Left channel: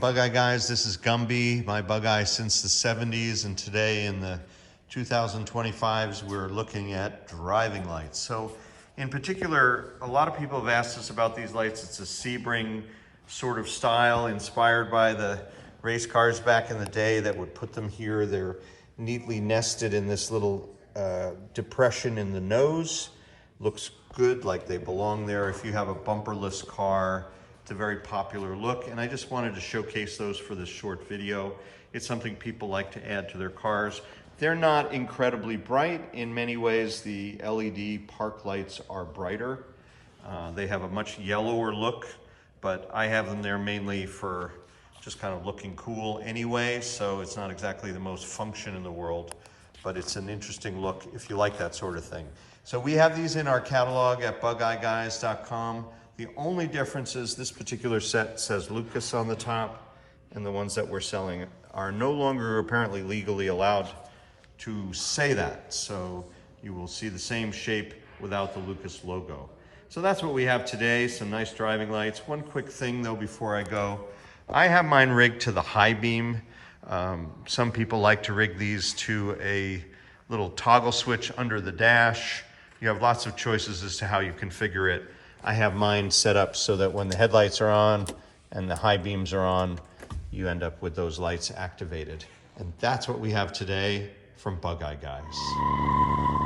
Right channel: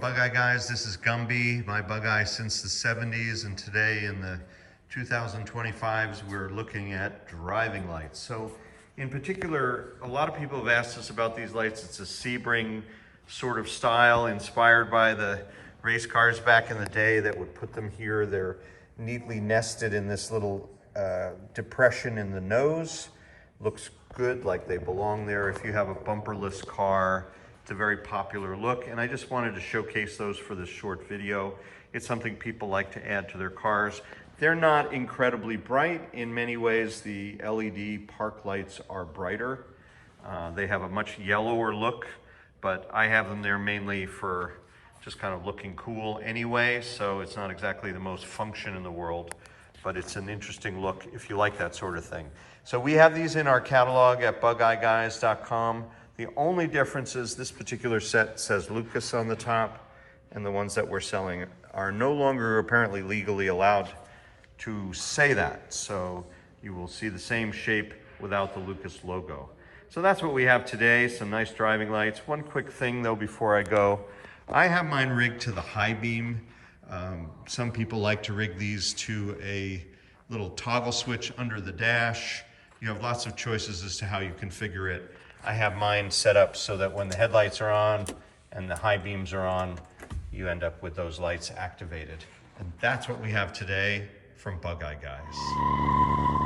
from Bugeye Guys. This is Gumby, my Bugeye since the 70s, and today in the 2025s we're looking at driving lights. So in particular, a lot of people have asked us about these lights. It's a Sebring sort of style inspired by the race cars back in the day that would put them here. They're neatly nested in this little depression in the nose. Looks good, like they belong there. If you have a bumperless car, it's a very popular look, and I just wanted to showcase those for this short video. It's something people like to add to their cars. They're not incredibly bright. In many ways, the LED park lights are brighter. They have a much yellower look, but I have them there mainly for just kind of looking cool anyway, so it's not exactly the most function in the world, but it's an interesting look if you like that sort of thing. So we have these in our catalog at bugeyeguys.com. The only difference is this particular set says Lucas on the top, and the ones that we're selling are no longer apparently legally allowed to say that. So you will see the same shape without the Lucas logo. So that's what we have today, some nice driving lights. One quick thing though before I go, I have mine rigged to the high beam. Some people like to rig these to a little toggle switch under the dash. You have lots of choices as to how you configure it. I have mine set up so that when the headlights are on and the high beams are on, you end up with those lights activated. And that's what we have today from Bugeye Guys.